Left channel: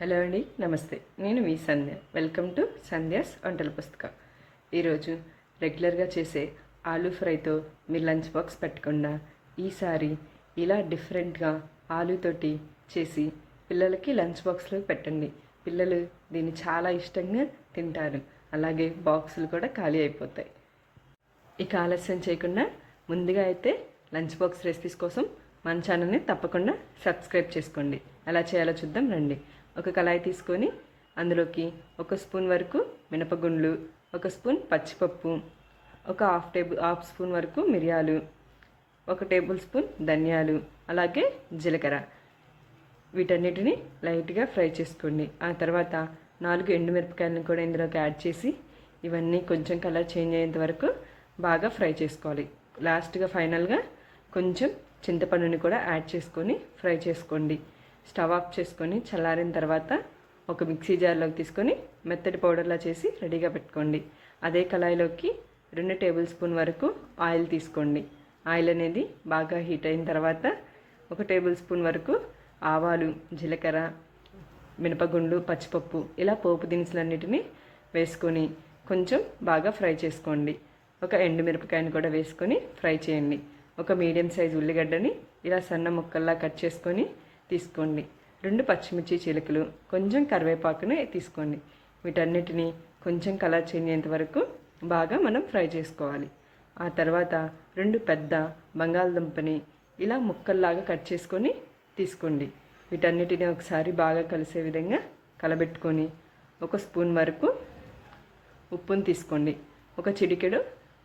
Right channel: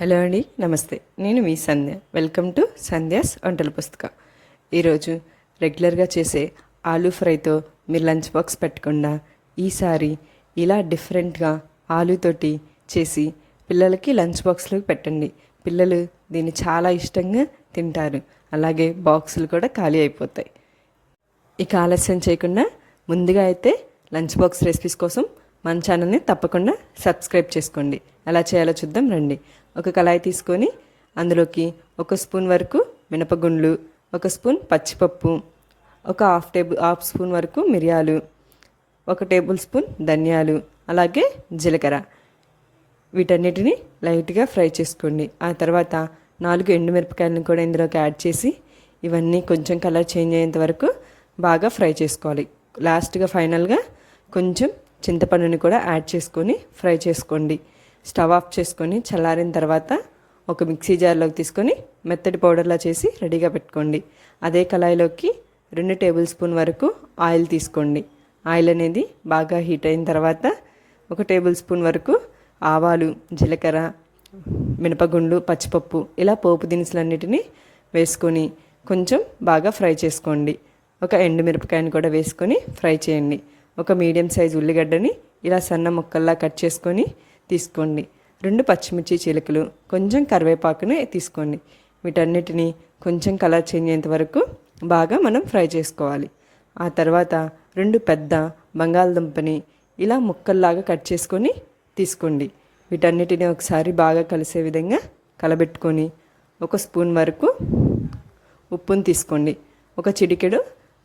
Hello అండి, నమస్తే. నేను మీ సంధ్య. వెల్కమ్ టు సంధ్యాస్ వంటల పుస్తకం. ఈరోజు రెగ్యులర్గా చేసే ఆలూ ఫ్రైతో మీరు లంచ్ బాక్స్ పెట్టకుండా ఈసారి ఇలా డిఫరెంట్గా ఆలూతోటి చేసి పిల్లలకి లంచ్ బాక్స్లో పెట్టండి. పిల్లలు దీన్ని చాలా ఇష్టంగా తింటారు. అలాగే బాక్సులు కూడా ఖాళీ అయిపోతాయి. ఇక ఆలస్యం చేయకుండా ముందుగా అయితే లంచ్ బాక్స్ రెసిపీస్ కోసం మన ఛానల్ని తప్పకుండా సబ్స్క్రైబ్ చేసుకోండి. ఎలా చేయాలో చూద్దాం రండి. ఒక కళాయి తీసుకొని అందులోకి 1 స్పూన్ వరకు మినపగుండ్లు, 1 స్పూన్ పచ్చిపప్పు, ఒక హాఫ్ స్పూన్ వరకు మిరియాలు, 1 టేబుల్ స్పూన్ ధనియాలు, అలాగే జీలకర్ర, వీటన్నిటిని లైట్గా ఫ్రై చేసుకోండి. ఆ తర్వాత 4 ఎండుమిరపకాయలను కూడా ఇందులోకి యాడ్ చేసి ఇవన్నీ కొంచెం కలర్ చేంజ్ అయ్యేంత వరకు బాగా ఫ్రై చేసుకోవాలి. లాస్ట్గా ఫైనల్గా కొంచెం చింతపండుని కూడా యాడ్ చేసుకొని ఫ్రై చేసుకోండి. స్టవ్ ఆఫ్ చేసుకొని చల్లారిన తర్వాత ఒక మిక్సీ జార్లోకి తీసుకొని మెత్తటి పౌడర్లా చేసి రెడీగా పెట్టుకోండి. అదే కళాయిలోకి 2 టేబుల్ స్పూన్ వరకు ఆయిల్ తీసుకోండి. ఆయిల్ అనేది బాగా హీట్ అయిన తర్వాత 1 టేబుల్ స్పూన్ వరకు ఆవాలు, జీలకర్ర, మినపగుండ్లు, పచ్చిపప్పు ఇలా పోపు దినుసులన్నిటిని వేసుకొని కొంచెం బాగా ఫ్రై చేసుకోండి. ఒక ఎండుమిరపకాయని కూడా వేసుకొని ఫ్రై చేయండి. ఒక మీడియం సైజు ఉల్లిగడ్డని ఇలా సన్న ముక్కల్లా కట్ చేసుకొని తీసుకోండి. 2 పచ్చిమిర్చి చీలికలు, కొంచెం కరివేపాకుని తీసుకోండి. వీటన్నిటిని కొంచెం కలర్ చేంజ్ అయ్యేంత వరకు బాగా మనం ఫ్రై చేసుకోవాలి. ఆ తర్వాత 2 పెద్ద బంగాళదుంపని ఇలా ముక్కల్లాగా కట్ చేసుకొని తీసుకోండి. వీటన్నిటిని ఒకసారి బాగా కలిసే విధంగా కలబెట్టుకొని 1 స్పూన్ వరకు ఉప్పుని తీసుకోండి. ఒక చిటికెడు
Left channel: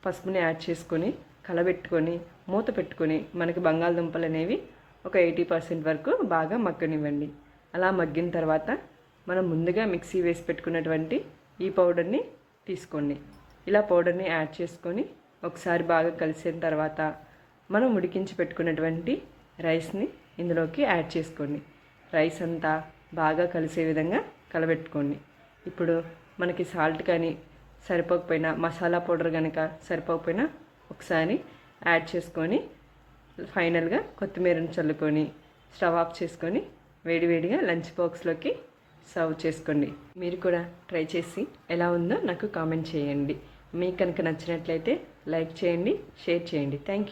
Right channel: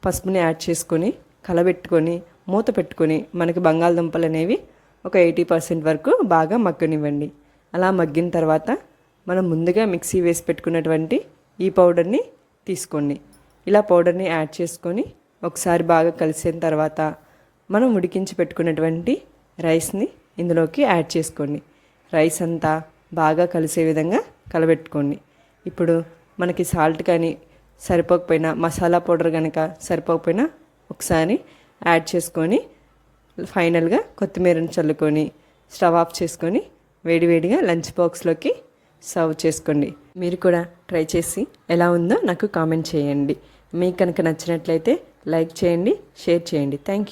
పసుపుని యాడ్ చేసుకొని కలబెట్టుకొని మూత పెట్టుకొని మనకి బంగాళదుంపలు అనేవి ఒక 80% వరకు బాగా మగ్గనివ్వండి. అలా మగ్గిన తర్వాత మనం ముందుగా మిక్సీ వేసి పెట్టుకున్నటువంటి ఈ పౌడర్ని తీసుకోండి. ఇలా పౌడర్ని యాడ్ చేసుకొని ఒకసారి బాగా కలిసిన తర్వాత మనం ఉడికించి పెట్టుకున్నటువంటి రైస్ని ఇందులోకి యాడ్ చేసుకోండి. రైస్ అంతా బాగా కలిసే విధంగా కలబెట్టుకోండి. ఇప్పుడు మనకి సాల్ట్ కానీ సరిపోకపోయినా, మసాలా పౌడర్ కనుక సరిపోకపోయినా ఒకసారి యాడ్ చేసుకొని ఫైనల్గా కొత్తిమీరని చల్లుకొని స్టవ్ ఆఫ్ చేసుకొని వేడివేడిగా లంచ్ బాక్స్లోకి సర్వ్ చేసుకోండి. మీరు కూడా ట్రై చేసి ఎలా ఉందో నాకు కామెంట్ చేయండి. మీకు కనుక నచ్చినట్లయితే లైక్ చేయండి, షేర్ చేయండి. Thank you.